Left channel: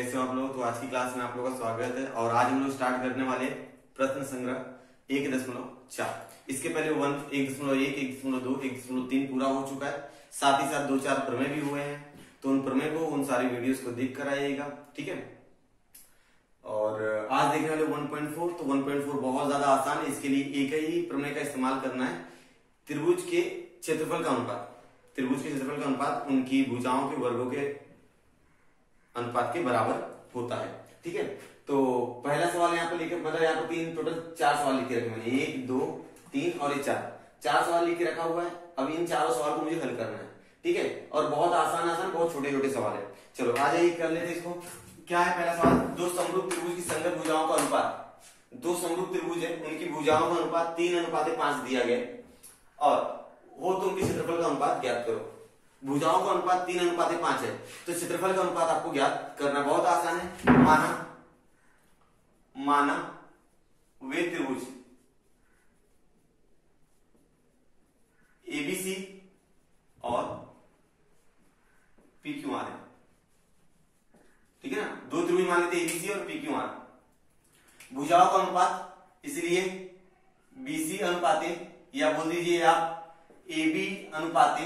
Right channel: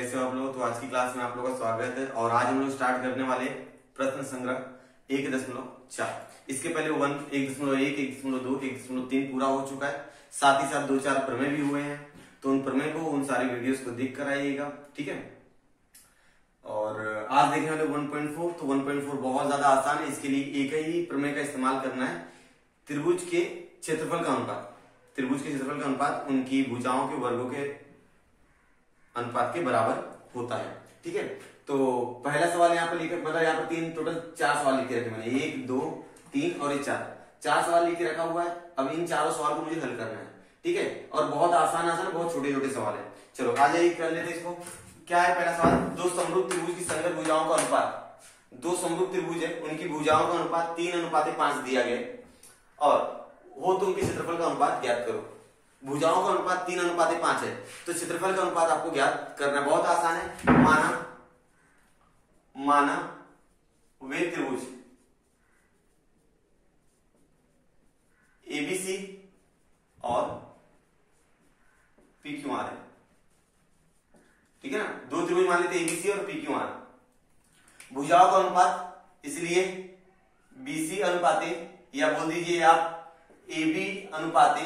कैसे हो आप लोग। तो आज की क्लास में आप लोगों का स्वागत है और आज हम लोग स्टार्ट करने वाले प्रश्न संग्रह 1.4। इसके पहले 1.1, 1.2, 1.3 पूरा हो चुका है। साथ ही साथ 2-4 प्रमेय भी हुए हैं, तो उन प्रमेय को उन सारी वीडियोस को देख कर आइएगा, ठीक है। और आज देखने वाले 1.4। तो 1.4 बहुत ज्यादा आसान है। इसके लिए एक ही प्रमेय का इस्तेमाल करना है, त्रिभुज के क्षेत्रफल का अनुपात। त्रिभुज के क्षेत्रफल का अनुपात उनकी भुजाओं के वर्गों के अनुपात के बराबर होता है, ठीक है। तो पहला सवाल यहाँ पर लिखे, मतलब यहाँ पर टोटल 4 सवाल लिखे रखे मैंने, 1, 2, 3 और ये 4 सवाल लिखे रखा हुआ है। अब इन चारों सवाल को मुझे हल करना है, ठीक है। और बहुत आसान बहुत छोटे छोटे सवाल है। चलो आ जाइए, कर लेते इसको। क्या है पहला सवाल, दो समरूप त्रिभुज की संगत भुजाओं का अनुपात। दो समरूप त्रिभुज है, उनकी भुजाओं का अनुपात 3:5 दिया गया और वो तो उनके क्षेत्रफल का अनुपात ज्ञात करो। भुजाओं का अनुपात 3:5 है, तो क्षेत्रफल का अनुपात आपको ज्ञात करना बहुत आसान है। माना वे त्रिभुज एबीसी और पीक्यूआर है, ठीक है ना। दो त्रिभुज मान लेते एबीसी और पीक्यूआर। भुजाओं का अनुपात इसलिए बीसी अनुपाते, या बोल दीजिए आप AB अनुपाते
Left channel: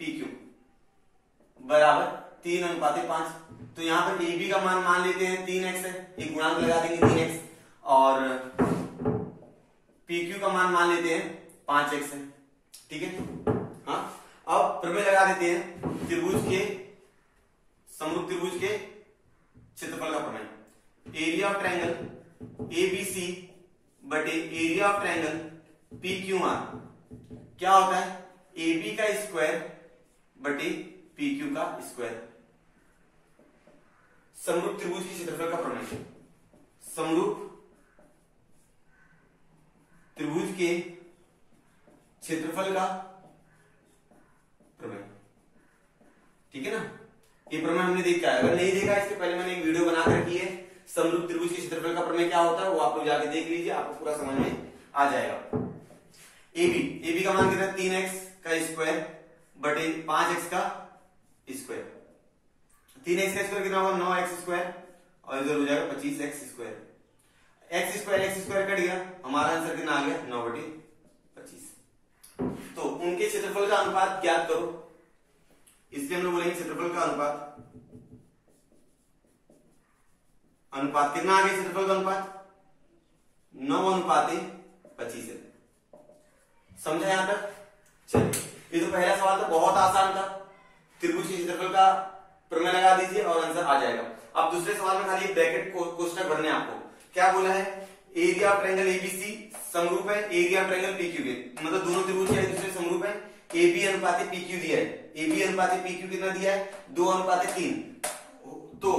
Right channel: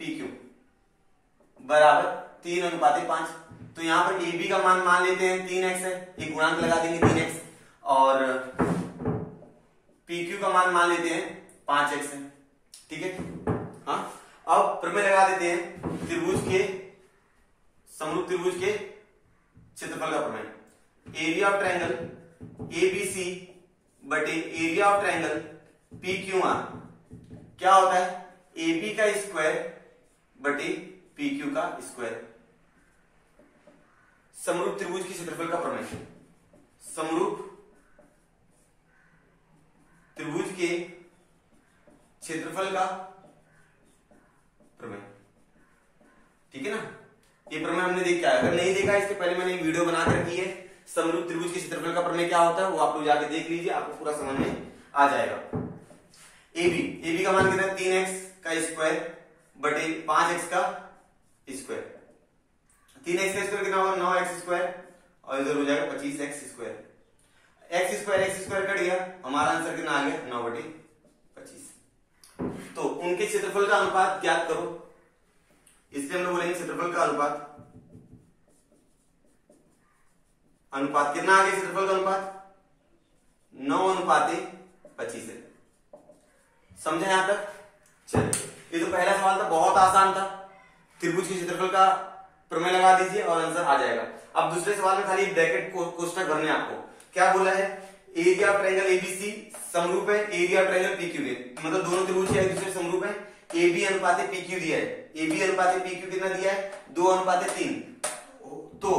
PQ बराबर 3:5। तो यहां पर AB का मान लेते हैं 3x है, एक गुणांक लगा देंगे 3x, और PQ का मान लेते हैं 5x है, ठीक है। हाँ, अब प्रमेय लगा देते हैं त्रिभुज के, समरूप त्रिभुज के क्षेत्रफल का प्रमेय। एरिया ऑफ ट्रायंगल ABC बटे एरिया ऑफ ट्रायंगल PQR क्या होता है, AB का स्क्वायर बटे PQ का स्क्वायर। समरूप त्रिभुज के क्षेत्रफल का प्रमेय। समरूप त्रिभुज के क्षेत्रफल का प्रमेय, ठीक है ना। ये प्रमेय हमने देखा है, अगर नहीं देखा इसके पहले मैंने एक वीडियो बना कर रखी है, समरूप त्रिभुज के क्षेत्रफल का प्रमेय क्या होता है, वो आप लोग जाके देख लीजिए, आपको पूरा समझ में आ जाएगा। AB का मान कितना है, 3x का स्क्वायर बटे 5x का स्क्वायर। 3x का स्क्वायर कितना होगा, 9x स्क्वायर, और इधर हो जाएगा 25x square. x square cut गया, हमारा आंसर कितना आ गया, 9/25। तो उनके क्षेत्रफल का अनुपात ज्ञात करो, इसलिए हम लोग बोलेंगे क्षेत्रफल का अनुपात। अनुपात कितना आ गया, क्षेत्रफल का अनुपात 9:25 है। समझे यहां तक। चलिए, ये तो पहला सवाल था, बहुत आसान था। त्रिभुज के क्षेत्रफल का प्रमेय लगा दीजिए और आंसर आ जाएगा। अब दूसरे सवाल में खाली ब्रैकेट कोष्ठक भरने आपको। क्या बोला है, एरिया ऑफ ट्रायंगल एबीसी समरूप है एरिया ऑफ ट्रायंगल पीक्यू के, मतलब दोनों त्रिभुज एक दूसरे समरूप है। AB अनुपाते PQ दिया है, AB अनुपाते PQ कितना दिया है, 2:3। तो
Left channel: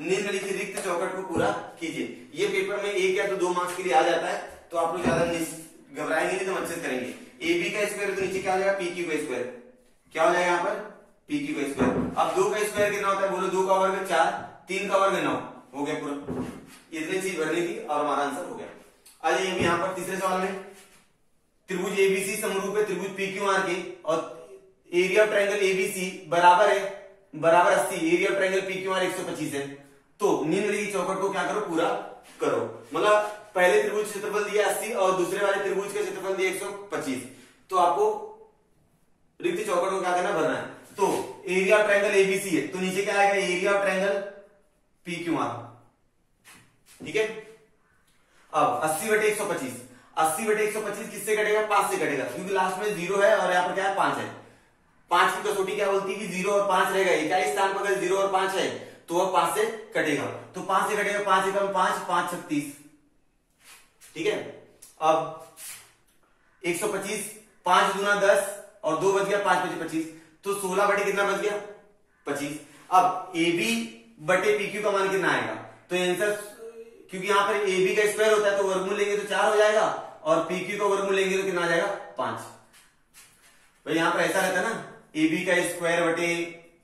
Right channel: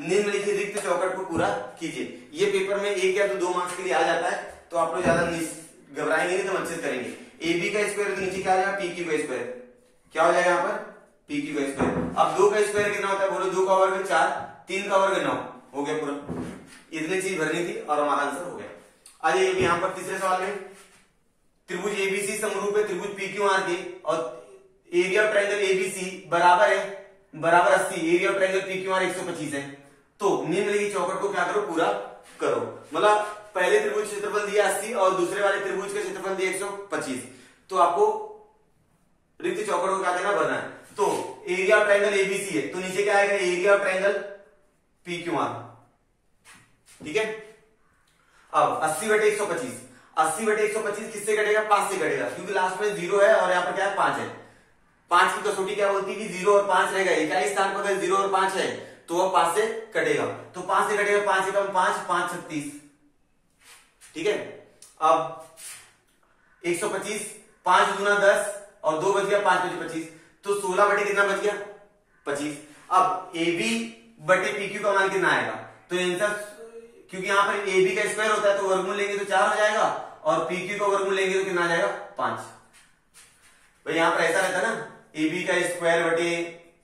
निम्नलिखित रिक्त चौकट को पूरा कीजिए। ये पेपर में 1 या 2 मार्क्स के लिए आ जाता है, तो आप लोग ज्यादा घबराएंगे नहीं, तो अच्छे से करेंगे। AB का स्क्वायर के नीचे क्या आ जाएगा, PQ का स्क्वायर। क्या हो जाएगा यहाँ पर, PQ का स्क्वायर। अब 2 का स्क्वायर कितना होता है, बोलो 2 का वर्ग 4, 3 का वर्ग 9, हो गया पूरा। इतनी चीज भरनी थी और हमारा आंसर हो गया। आ जाइए यहाँ पर तीसरे सवाल में, त्रिभुज ABC समरूप है त्रिभुज PQR के, और एरिया ऑफ ट्रायंगल ABC बराबर 80, एरिया ऑफ ट्रायंगल PQR 125 है। तो निम्नलिखित चौकट को क्या करो, पूरा करो। मतलब पहले त्रिभुज क्षेत्रफल दिया 80 और दूसरे वाले त्रिभुज का क्षेत्रफल दिया 125, तो आपको रिक्त चौकट को क्या करना, भरना है। तो एरिया ऑफ ट्रायंगल ABC है, तो नीचे क्या आएगा, एरिया ऑफ ट्रायंगल PQR, ठीक है। अब 80/125, 80/125 किससे कटेगा, 5 से कटेगा, क्योंकि लास्ट में 0 है और यहाँ पर क्या है, 5 है। 5 की कसौटी क्या बोलती है कि 0 और 5 रहेगा। इकाई स्थान पर अगर 0 और 5 है तो वो 5 से कटेगा, तो 5 से कटेगा, 5 एकम 5, 5 36, ठीक है। अब 125, 5 दूना 10 और 2 बच गया, 5 बचे 25, तो 16 बटे कितना बच गया, 25। अब AB बटे PQ का मान कितना आएगा, तो आंसर, क्योंकि यहां पर AB का स्क्वायर होता है तो वर्गमूल लेंगे तो 4 हो जाएगा, और PQ का वर्गमूल लेंगे तो कितना आ जाएगा, 5। भाई यहां पर ऐसा रहता है ना, AB का स्क्वायर बटे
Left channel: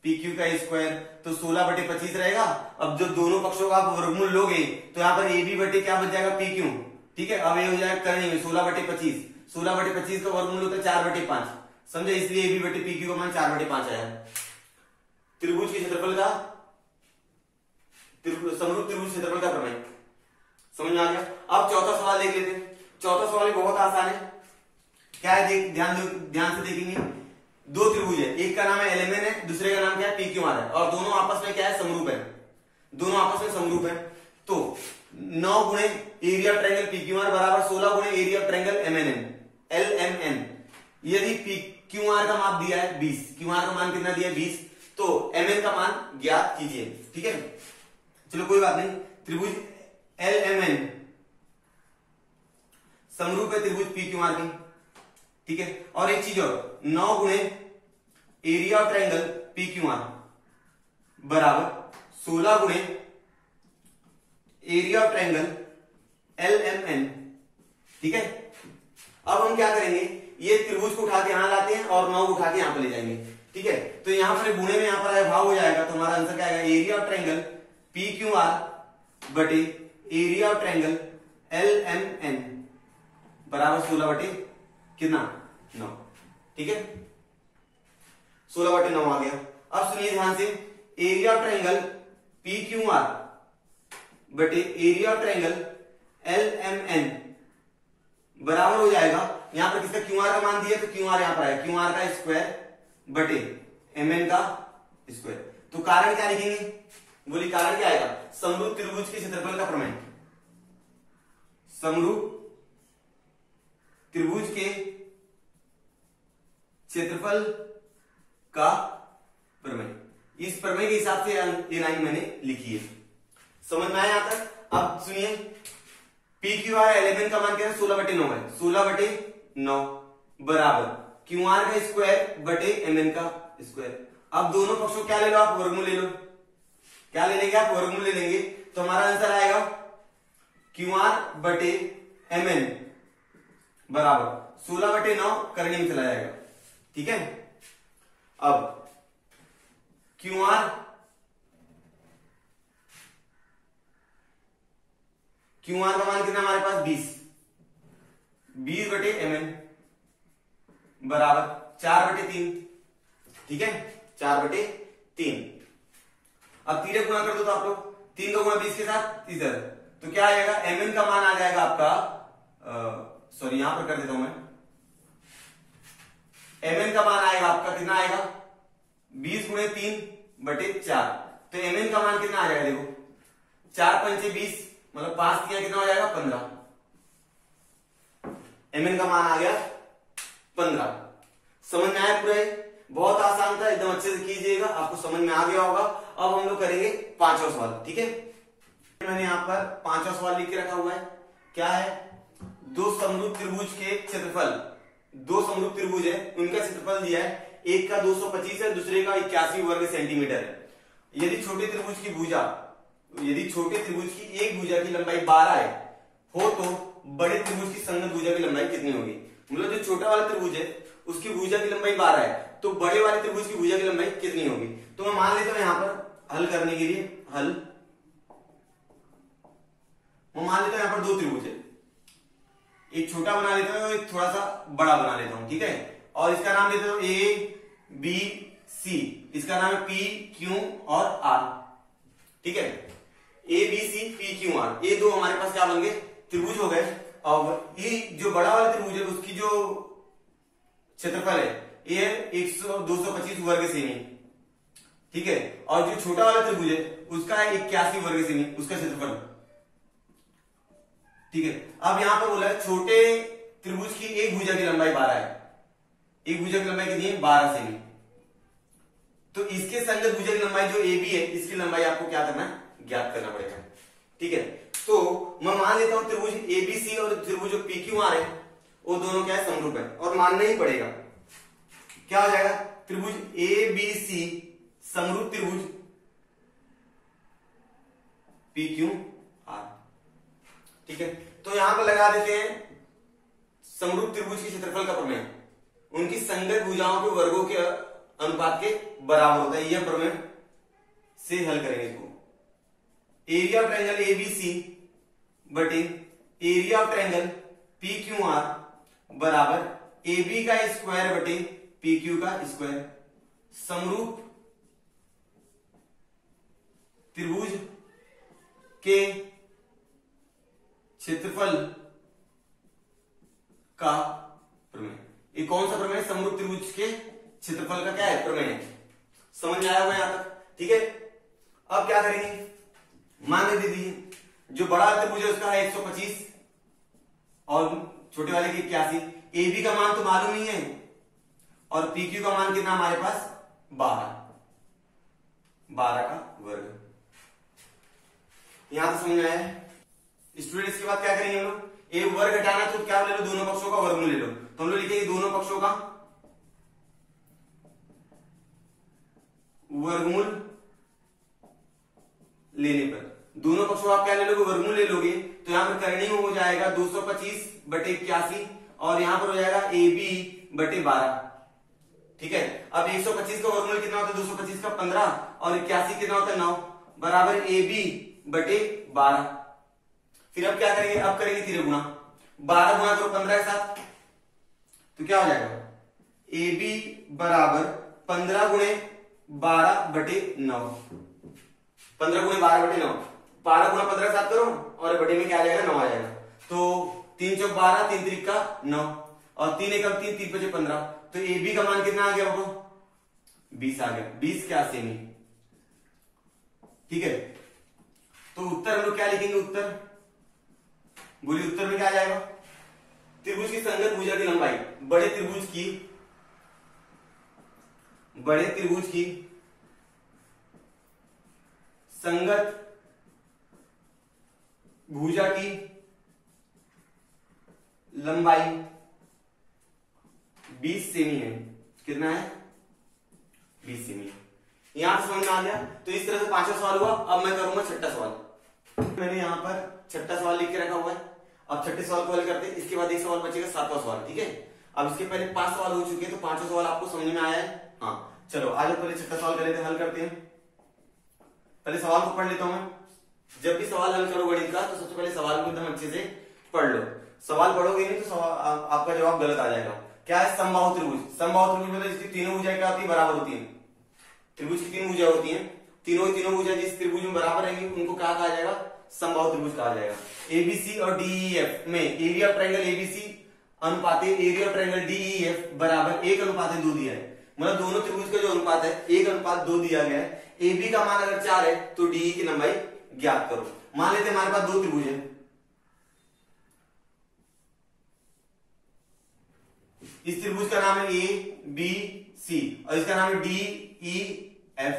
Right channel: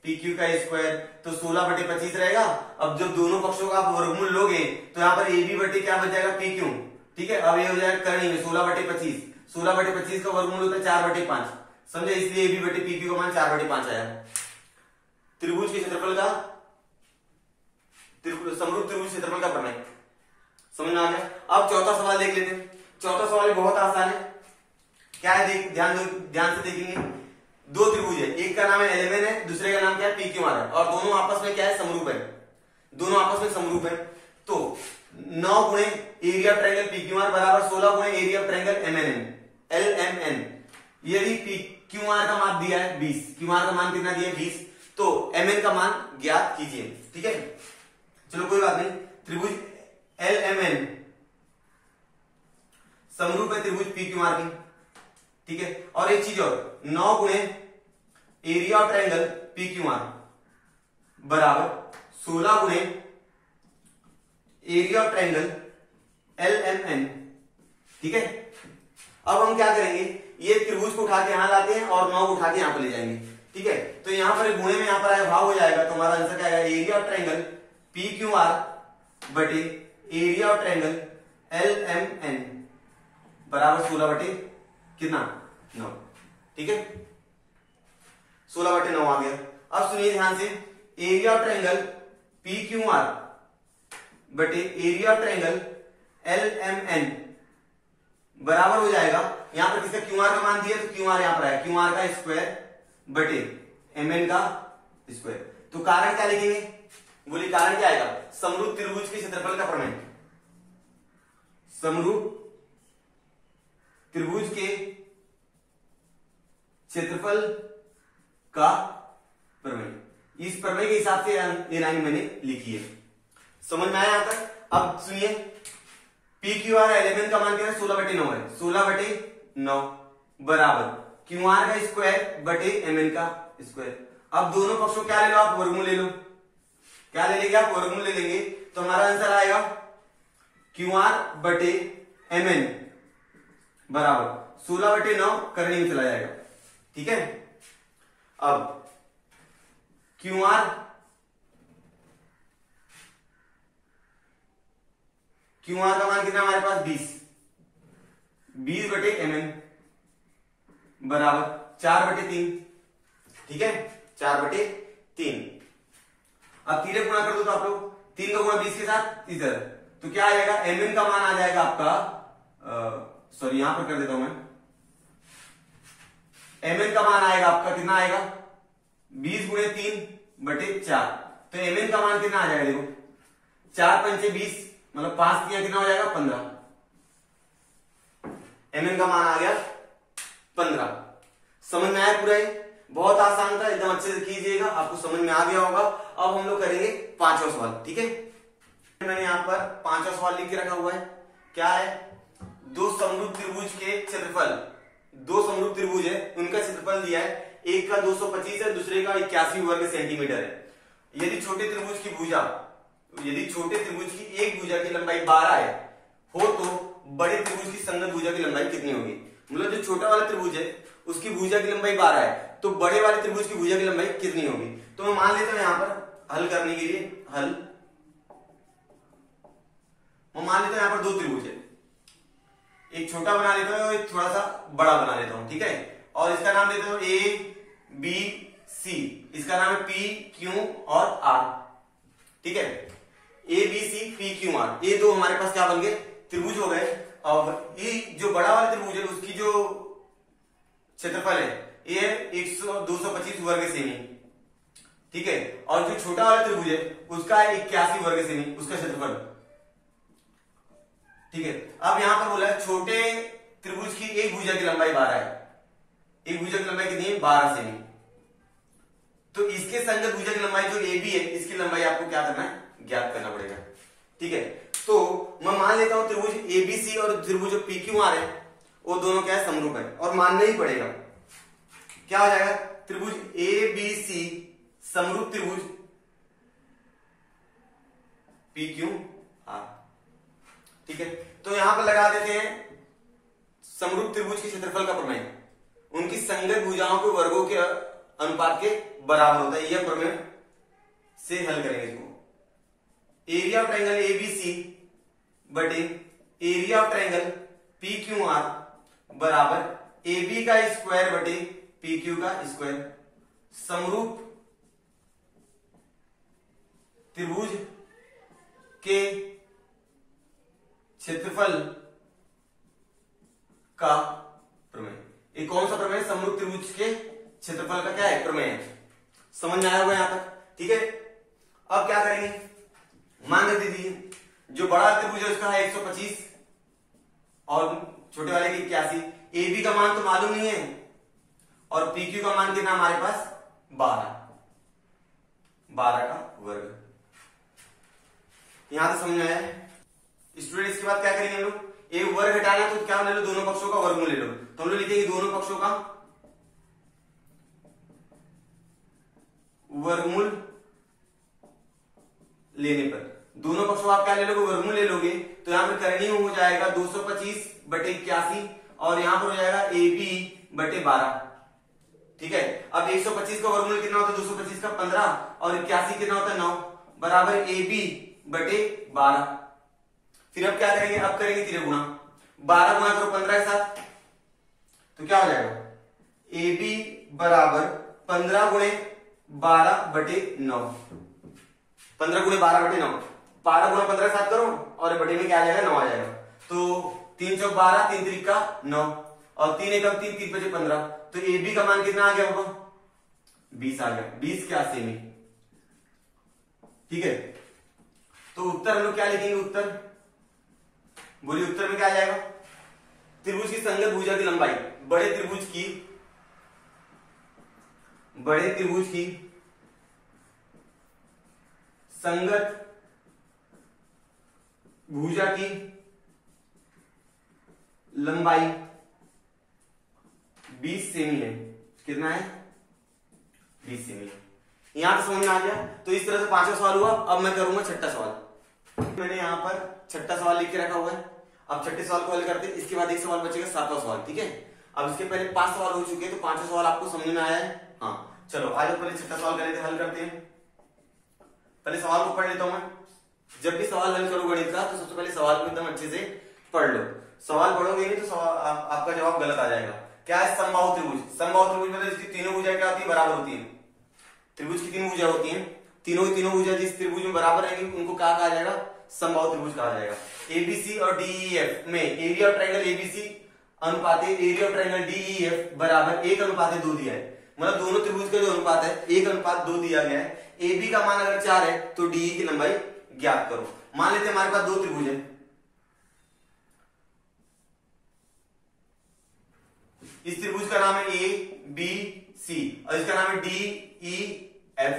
PQ का स्क्वायर, तो 16/25 रहेगा। अब जब दोनों पक्षों का आप वर्गमूल लोगे तो यहाँ पर AB बटे क्या बच जाएगा, PQ, ठीक है। अब ये हो जाएगा करनी में 16/25, 16/25 का वर्गमूल होता है 4/5, समझे, इसलिए AB बटे PQ का मान 4/5 आया। त्रिभुज के क्षेत्रफल का समरूप त्रिभुज क्षेत्रफल का प्रमेय। समझ में आ गया। अब चौथा सवाल देख लेते हैं। चौथा सवाल बहुत आसान है। क्या है, देख ध्यान से देखेंगे। दो त्रिभुज है, एक का नाम है एलएमएन है, दूसरे का नाम क्या है पीक्यूआर है, और दोनों आपस में क्या है, समरूप है। दोनों आपस में समरूप है। तो 9 गुणे एरिया ऑफ ट्रायंगल पीक्यूआर बराबर 16 गुणे एरिया ऑफ ट्रायंगल एलएमएन। यदि क्यूआर का मान दिया है 20, क्यूआर का मान कितना दिया है 20, तो एमएन का मान ज्ञात कीजिए। ठीक है, चलो कोई बात नहीं। त्रिभुज एलएमएन समरूप है त्रिभुज पीक्यूआर की। ठीक है, और एक चीज और, 9 गुणे एरिया ऑफ ट्रायंगल पीक्यूआर बराबर 16 गुणे एरिया ऑफ ट्रायंगल एलएमएन। ठीक है, अब हम क्या करेंगे, ये त्रिभुज को उठा के यहां लाते हैं और 9 उठा के यहां पर ले जाएंगे। ठीक है, तो यहां पर गुणे में यहां पर भाव हो जाएगा, तो हमारा आंसर क्या आएगा, एरिया ऑफ ट्रायंगल पीक्यूआर बटे एरिया ऑफ ट्रायंगल एलएमएन बराबर 16 बटे कितना 9। ठीक है, 16 बटे 9 आ गया। अब सुनिए ध्यान से, एरिया ऑफ ट्रायंगल पीक्यूआर बटे एरिया ऑफ ट्रायंगल एलएमएन बराबर हो जाएगा, यहां पर किसका क्यूआर का मान दिया, तो क्यूआर यहां पर आया, क्यूआर का स्क्वायर बटे एमएन का स्क्वायर। तो कारण क्या लिखेंगे, बोलिए कारण क्या आएगा, समरूप त्रिभुज के क्षेत्रफल का प्रमेय। समरूप त्रिभुज के क्षेत्रफल का प्रमेय। इस प्रमेय के हिसाब से ये लाइन मैंने लिखी है। समझ में आया यहां तक। अब सुनिए, पी क्यू आर एलिमेंट का मान क्या है, 16 बटे 9 है, 16 बटे 9 बराबर क्यू आर का स्क्वायर बटे एम एन का स्क्वायर। अब दोनों पक्षों क्या ले लो आप, वर्गमूल ले लो। क्या ले लेंगे आप, वर्गमूल ले लेंगे, तो हमारा आंसर आएगा क्यू आर बटे एम एन बराबर 16 बटे 9 करने में चला जाएगा। ठीक है, अब क्यू आर का मान कितना हमारे पास 20 बटे एम एन बराबर 4 बटे 3। ठीक है, 4 बटे 3। अब 3 गुणा कर दो तो आप लोग, 3 का गुणा 20 के साथ इधर, तो क्या आएगा, एम एन का मान आ जाएगा आपका, सॉरी यहां पर कर देता हूं मैं, एम एन का मान आएगा आपका कितना आएगा, 20 गुणे 3 बटे 4। तो एम एन का मान कितना आ जाएगा, देखो 4 पंचे 20, मतलब 5 किया कितना हो जाएगा 15। एम एन का मान आ गया 15। समझ में आया पूरा, बहुत आसान था, एकदम अच्छे से कीजिएगा, आपको समझ में आ गया होगा। अब हम लोग करेंगे 5वां सवाल। ठीक है, मैंने यहां पर 5वां सवाल लिख के रखा हुआ है। क्या है, दो समरूप त्रिभुज के क्षेत्रफल, दो समरूप त्रिभुज है उनका क्षेत्रफल दिया है, एक का 225 है, दूसरे का 81 वर्ग सेंटीमीटर है। यदि छोटे त्रिभुज की भुजा, यदि छोटे त्रिभुज की एक भुजा की लंबाई 12 है हो, तो बड़े त्रिभुज की संगत भुजा की लंबाई कितनी होगी। मतलब जो छोटा वाला त्रिभुज है उसकी भुजा की लंबाई 12 है, तो बड़े वाले त्रिभुज की भुजा की लंबाई कितनी होगी। तो मैं मान लेता हूं यहां पर हल करने के लिए, मैं मान लेता हूं यहां पर दो त्रिभुज है, एक छोटा बना लेता हूं, एक थोड़ा सा बड़ा बना लेता हूं। ठीक है, और इसका नाम देता हूं ए बी सी, इसका नाम है पी क्यू और आर। ठीक है, A B C P Q R, ये दो हमारे पास क्या बन गए, त्रिभुज हो गए। और ये जो बड़ा वाला त्रिभुज है उसकी जो क्षेत्रफल है ये 225 वर्ग सेमी। ठीक है, और जो छोटा वाला त्रिभुज है उसका 81 वर्ग सेमी उसका क्षेत्रफल। ठीक है, अब यहां पर बोला है छोटे त्रिभुज की एक भुजा की लंबाई 12 है, एक भुजा की लंबाई कितनी है 12 सेमी। तो इसके संगत भुजा की लंबाई जो ए बी है, इसकी लंबाई आपको क्या करना है, ज्ञात करना पड़ेगा। ठीक है, तो मैं मान लेता हूं त्रिभुज एबीसी और त्रिभुज पी क्यू आर है वो दोनों क्या है, समरूप है, और मानना ही पड़ेगा। क्या हो जाएगा, त्रिभुज ए बी सी समरूप त्रिभुज पी क्यू आर। ठीक है, तो यहां पर लगा देते हैं समरूप त्रिभुज के क्षेत्रफल का प्रमेय, उनकी संगत भुजाओं के वर्गों के अनुपात के बराबर होता है। यह प्रमेय से हल करेंगे इसको। एरिया ऑफ ट्रायंगल एबीसी बटे area of triangle P Q are बराबर ए बी का स्क्वायर बटे पी क्यू का स्क्वायर। समरूप त्रिभुज के क्षेत्रफल का प्रमेय। ये कौन सा प्रमेय? समरूप त्रिभुज के क्षेत्रफल का क्या है? प्रमेय। समझ में आया होगा यहां तक? ठीक है। अब क्या करेंगे, मान के दीजिए जो बड़ा त्रिभुज है उसका है 125 और छोटे वाले की 81। ए बी का मान तो मालूम ही है और पी क्यू का मान कितना हमारे पास? 12 का वर्ग। यहां से समझ में आया स्टूडेंट? इसके बाद क्या करेंगे हम लोग? एक वर्ग हटाना है तो क्या ले लो? दोनों पक्षों का वर्गमूल ले लो। तो हम लोग लिखेंगे दोनों पक्षों का वर्गमूल लेने पर, दोनों पक्षों आप क्या ले लोगे? वर्गमूल ले लोगे। तो यहां पर करणीय हो जाएगा 225/81 और यहां पर हो जाएगा AB/12। ठीक है। अब 125 का वर्गमूल कितना होता है? 225 का 15 और 81 कितना होता है? 9 बराबर AB/12। फिर अब क्या करेंगे? अब करेंगे तीन गुणा, 12 गुणा करो 15 के साथ तो क्या हो जाएगा? AB बराबर 15 गुणे 12/9, 15 गुणे 12/9, 12 गुणा 15 के साथ करो और बटे में क्या आ जाएगा? 9 आ जाएगा। तो 3 चौक 12, 3 त्रिक का 9 और 3 एकम 3, 3 पचे 15। तो AB का मान कितना आ गया होगा? 20 आ गया। 20 क्या सेमी। ठीक है। तो उत्तर हम लोग क्या लिखेंगे? उत्तर बोलिए, उत्तर में क्या आ जाएगा? त्रिभुज की संगत भुजा की लंबाई, बड़े त्रिभुज की संगत भुजा की लंबाई 20 सेमी है। कितना है? 20 सेमी। यहां से समझ में आ गया। तो इस तरह से पांचवा सवाल हुआ। अब मैं करूंगा छठा सवाल। मैंने यहां पर छठा सवाल लिख के रखा हुआ है। अब छठे सवाल को हल करते हैं। इसके बाद एक सवाल बचेगा, सातवां सवाल। ठीक है। अब इसके पहले 5 सवाल हो चुके हैं तो पांचवा सवाल आपको समझ में आया है? हाँ। चलो आज पहले छठा सवाल करें, हल करते हैं। पहले सवाल को पढ़ लेता हूं मैं। जब भी सवाल हल करो गणित का तो सबसे पहले सवाल को एकदम अच्छे से पढ़ लो। सवाल पढ़ोगे नहीं तो आपका जवाब गलत आ जाएगा। क्या है? समबाहु त्रिभुज। समबाहु त्रिभुज मतलब इसकी तीनों भुजाएं क्या होती है? बराबर होती है। त्रिभुज की 3 भुजाएं होती हैं। तीनों भुजा जिस त्रिभुज में बराबर रहेंगी उनको क्या कहा जाएगा? समबाहु त्रिभुज कहा जाएगा। एबीसी और डीईएफ में एरिया ऑफ ट्रायंगल एबीसी अनुपाते एरिया ऑफ ट्रायंगल डीईएफ बराबर 1:2 दिया है। मतलब दोनों त्रिभुज का जो अनुपात है 1:2 दिया गया है। AB का मान अगर 4 है तो DE की लंबाई ज्ञात करो। मान लेते हैं हमारे पास 2 त्रिभुज है। इस त्रिभुज का नाम है ABC और इसका नाम है DEF।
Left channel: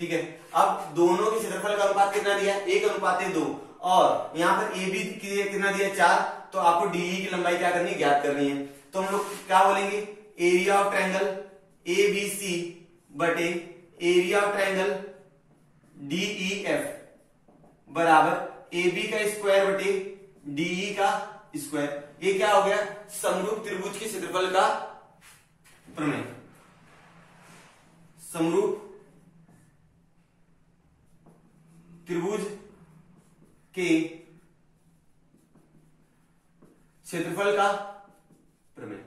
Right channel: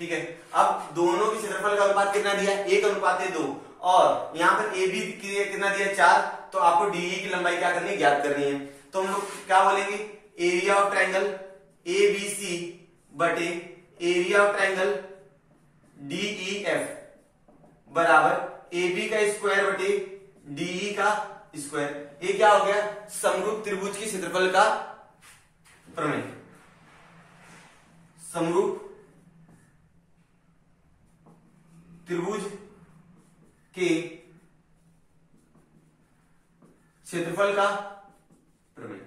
ठीक है। अब दोनों के क्षेत्रफल का अनुपात कितना दिया है? 1:2 और यहां पर AB कितना दिया? 4। तो आपको DE की लंबाई क्या करनी है? ज्ञात करनी है। तो हम लोग क्या बोलेंगे? एरिया ऑफ ट्रायंगल ABC बटे एरिया ऑफ ट्रायंगल DEF बराबर AB का स्क्वायर बटे DE का स्क्वायर। ये क्या हो गया? समरूप त्रिभुज के क्षेत्रफल का प्रमेय। समरूप त्रिभुज के क्षेत्रफल का प्रमेय।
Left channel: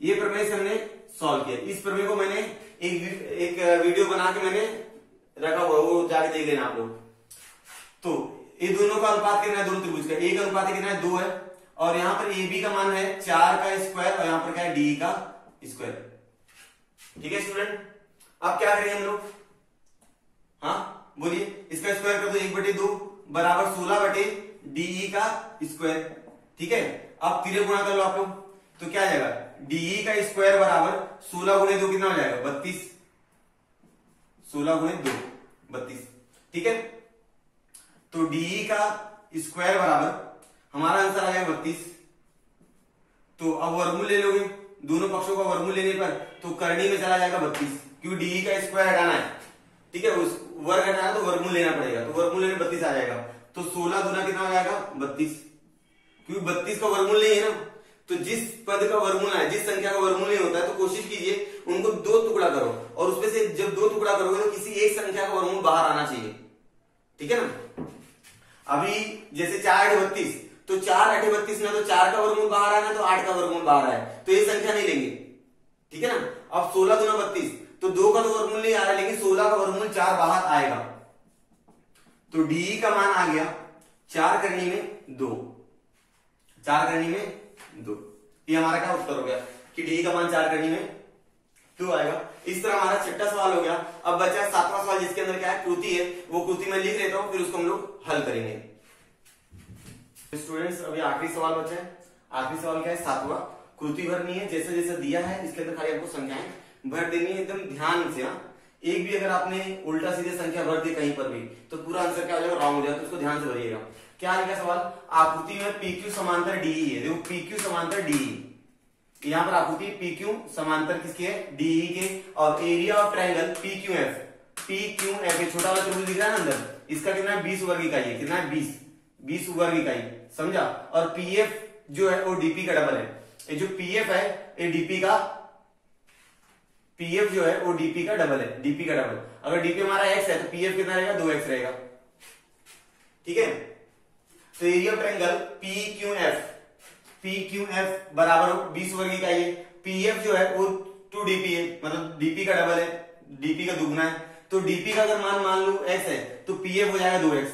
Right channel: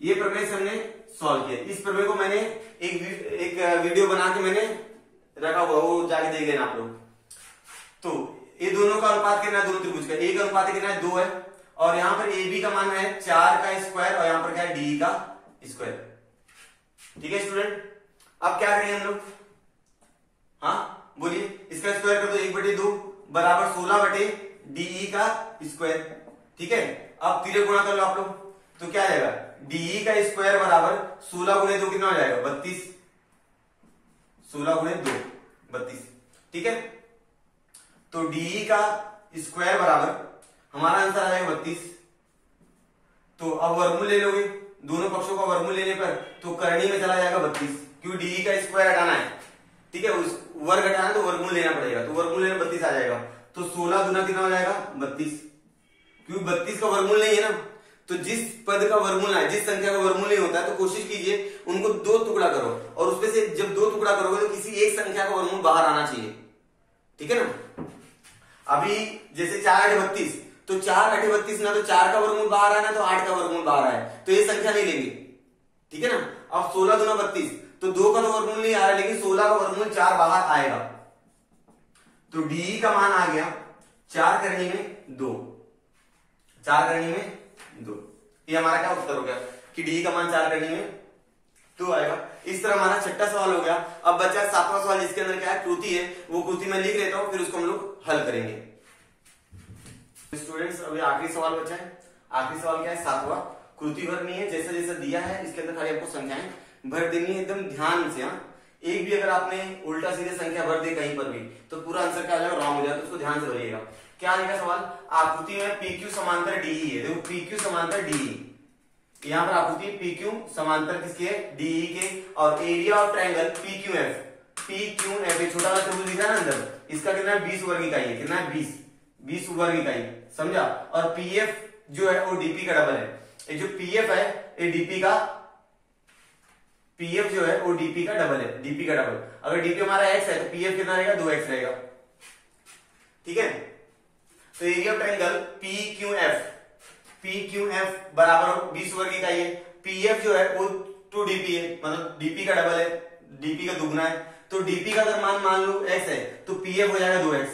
ये प्रमेय से हमने सॉल्व किया। इस प्रमेय को मैंने एक वीडियो बना के मैंने रखा हुआ, वो जाके देख लेना आप लोग। तो ये दोनों का अनुपात कितना है? दोनों त्रिभुज का 1:2 कितना है? 2 है। और यहां पर AB का मान है 4 का स्क्वायर और यहां पर क्या है? DE का स्क्वायर। ठीक है स्टूडेंट। अब क्या करेंगे हम लोग? हाँ बोलिए, इसका स्क्वायर कर दो 1/2 बराबर 16/DE का स्क्वायर। ठीक है। अब तीनों गुणा कर लो आप लोग तो क्या आ जाएगा? DE का स्क्वायर बराबर 16 गुणे 2 कितना हो जाएगा? 32। 16 गुणे 2 32। ठीक है। तो DE का स्क्वायर बराबर हमारा आंसर आ जाएगा 32। तो अब वर्गमूल ले लोगे, दोनों पक्षों का वर्गमूल लेने पर तो करनी में चला जाएगा 32, क्योंकि DE का स्क्वायर हटाना है। ठीक है। उस वर्ग हटाना है तो वर्गमूल लेना पड़ेगा, तो वर्गमूल लेने 32 आ जाएगा। तो 16 दूना कितना हो जाएगा? 32, क्योंकि 32 का वर्गमूल नहीं है ना। तो जिस पद का वर्गमूल है, जिस संख्या का वर्गमूल नहीं होता है तो कोशिश कीजिए उनको 2 टुकड़ा करो और उसमें से जब 2 टुकड़ा करोगे तो किसी एक संख्या का वर्गमूल बाहर आना चाहिए। ठीक है ना। अभी जैसे 4 8 32, तो 4 8 32 ना तो 4 का वर्गमूल बाहर आना तो 8 का वर्गमूल बाहर आए, तो ये संख्या नहीं लेंगे। ठीक है ना। अब 16 दूना 32, तो 2 का तो वर्गमूल नहीं आ रहा है, लेकिन 16 का वर्गमूल 4 बाहर आएगा। तो DE का मान आ गया 4 करनी में 2, 4 करनी में 2, ये हमारा क्या उत्तर हो गया कि डी का मान 4 करनी में 2 आएगा। इस तरह हमारा छठा सवाल हो गया। अब बचा 7वां सवाल जिसके अंदर क्या है, कृति है, वो कृति में लिख लेता हूं, फिर उसको हम लोग हल करेंगे। स्टूडेंट्स अभी आखिरी सवाल बचा है। आखिरी सवाल क्या है, 7वां, कृति भरनी है, जैसे जैसे दिया है इसके अंदर खाली आपको संख्याएं भर देनी है एकदम ध्यान से। एक भी अगर आपने उल्टा सीधे संख्या भर दी कहीं पर भी तो पूरा आंसर क्या हो जाएगा, रॉन्ग हो जाएगा, तो उसको ध्यान से भरिएगा। क्या लिखा सवाल, आकृति में PQ समांतर DE है। देखो PQ समांतर DE, यहाँ पर आकृति PQ समांतर किसकी है, DE के, और एरिया ऑफ ट्रायंगल PQF, छोटा वाला त्रिभुज दिख रहा है ना अंदर, इसका कितना है 20 वर्ग इकाई है। कितना है 20 वर्ग इकाई, समझा। और PF जो है वो DP का डबल है। ये जो PF है ये DP का, PF जो है वो DP का डबल है, DP का डबल। अगर DP हमारा x है तो PF कितना रहेगा, 2x रहेगा, ठीक है। तो एरिया ऑफ ट्रायंगल PQF बराबर 20 वर्ग इकाई है। PF जो है वो 2DP है, मतलब DP का डबल है, DP का दुगना है। तो DP का अगर मान लो x है तो PF हो जाएगा 2x,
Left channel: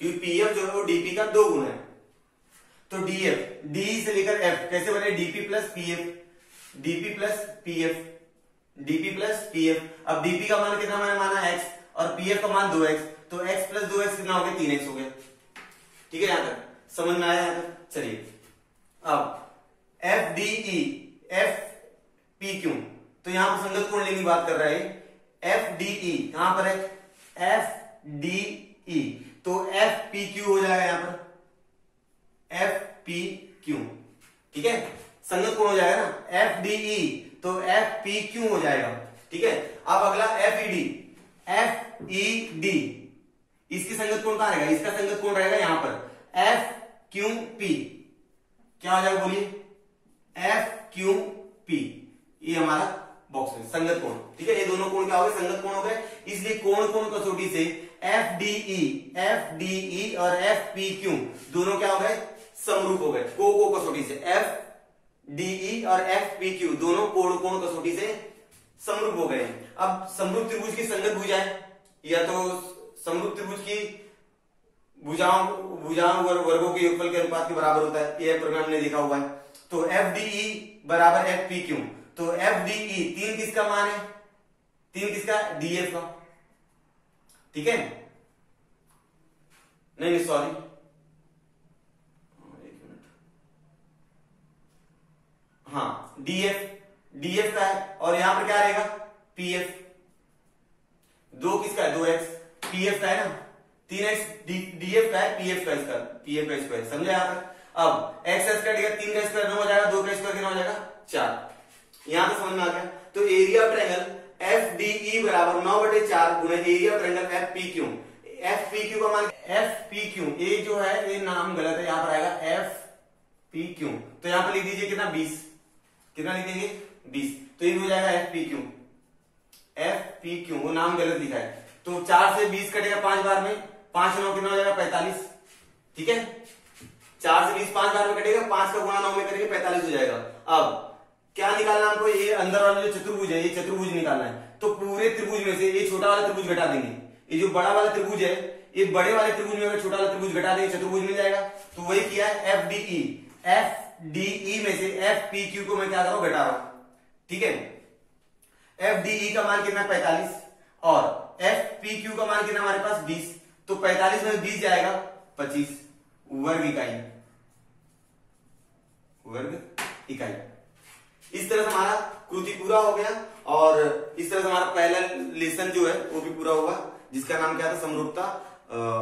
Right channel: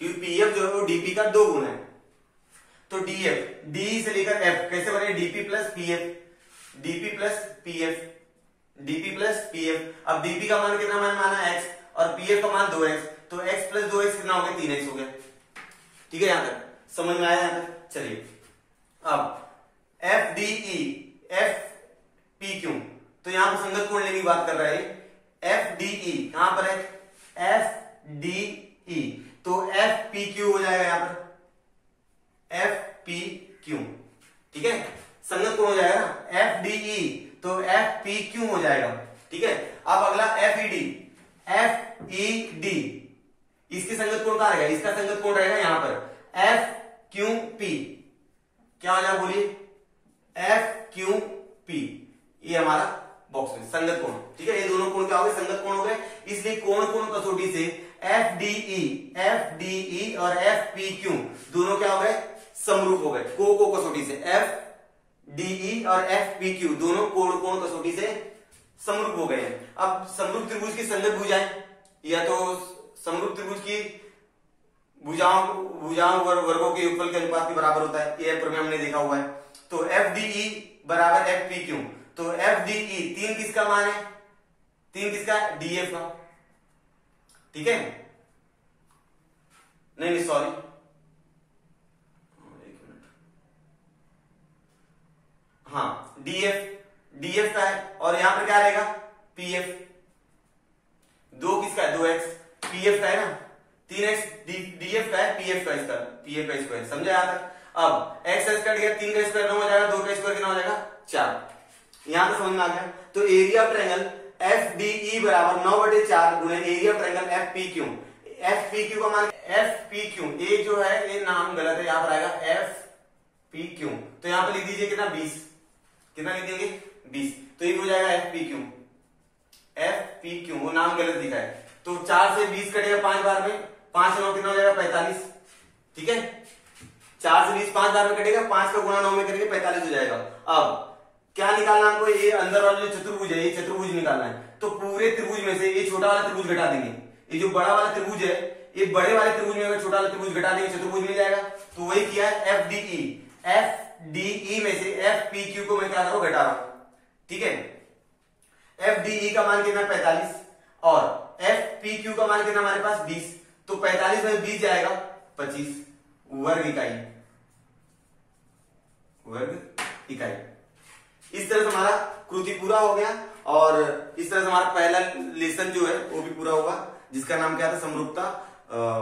क्योंकि PF जो है वो DP का 2 गुना है। तो DF, D से लेकर F कैसे बने, DP plus PF, DP plus PF, DP plus PF। अब DP का मान कितना मैंने माना x, और PF का मान 2x, तो x प्लस 2x कितना हो गया, 3x हो गया, ठीक है। यहां तक समझ में आया यहां तक। चलिए अब FDE, FPQ, तो यहां पर संगत कोण लेने की बात कर रहा है। FDE यहां पर है FDE, तो FPQ हो जाएगा यहां पर FPQ, ठीक है, संगत कोण हो जाएगा ना FDE, तो FPQ हो जाएगा, ठीक है। अब अगला FED, FED, इसकी संगत कोण कहां रहेगा, इसका संगत कोण रहेगा यहां पर FQP, क्या हो जाएगा बोलिए, FQP, ये हमारा बॉक्स में संगत कोण, ठीक है। ये दोनों कोण क्या हो गए, संगत कोण हो गए, इसलिए कोण कोण कसौटी से FDE और FPQ दोनों क्या हो गए, समरूप हो गए। को कसौटी से FDE और FPQ दोनों कोण कोण कसौटी से समरूप हो गए हैं। अब समरूप त्रिभुज की संगत भुजाएं, या तो समरूप त्रिभुज की भुजाओं वर्गों के योगफल के अनुपात के बराबर होता है, ये प्रमेय हमने देखा हुआ है। तो FDE बराबर FPQ, तो FDE 3 किसका मान है, 3 किसका, DF का, ठीक है। नहीं सॉरी, हाँ DF का है, और यहां पर क्या रहेगा PF, 2 किसका है, 2x, PF का है ना 3x, DF का है, PF का इसका, PF का स्क्वायर, समझा यहां तक। अब x कट गया, 3 का स्क्वायर 9 हो जाएगा, 2 का स्क्वायर कितना हो जाएगा 4, यहां पर समझ में आ गया। तो एरिया ऑफ ट्रायंगल FDE बराबर 9/4 गुणे area of triangle FPQ। FPQ का मान FPQ, ये जो है ये नाम गलत है, यहां पर आएगा FPQ, तो यहां पर लिख दीजिए कितना 20, कितना लिख देंगे 20, तो ये हो जाएगा FPQ, वो नाम गलत लिखा है। तो 4 से 20 कटेगा 5 बार में, 5 9 कितना हो जाएगा 45, ठीक है। 4 से 20 5 बार में कटेगा, 5 का गुणा 9 में करेंगे 45 हो जाएगा। अब क्या निकालना हमको, ये अंदर वाला जो चतुर्भुज है ये चतुर्भुज निकालना है। तो पूरे त्रिभुज में से ये छोटा वाला त्रिभुज घटा देंगे, ये जो बड़ा वाला त्रिभुज है ये बड़े वाले त्रिभुज में अगर छोटा वाला त्रिभुज घटा देंगे चतुर्भुज मिल जाएगा। तो वही किया है FDE में से FPQ को मैं क्या कर रहा हूं, घटा रहा हूं, ठीक है। FDE का मान कितना 45 और FPQ का मान कितना हमारे पास 20, तो 45 में 20 जाएगा 25 वर्ग इकाई। इस तरह से हमारा कृति पूरा हो गया, और इस तरह से हमारा पहला लेसन जो है वो भी पूरा होगा, जिसका नाम क्या था, समरूपता